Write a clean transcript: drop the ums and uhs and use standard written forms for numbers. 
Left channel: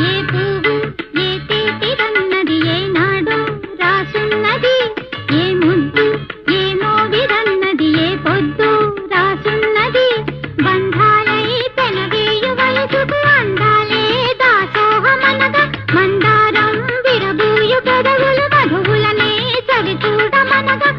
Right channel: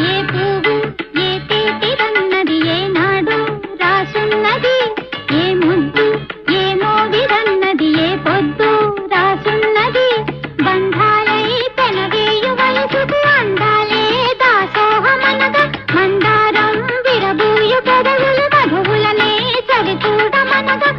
ఏ పువ్వు ఏ తీపిదన్నది ఏనాడు రాసున్నది, ఏ ముద్దు ఏ మోగిదన్నది ఏ పొద్దు రాసున్నది. బంధాలై పెనవేయు వయసుకు అందాలే దాసోహమనగా, మందారం విరబూయు పెదవులు మధువులనే సరిచూడమనగా.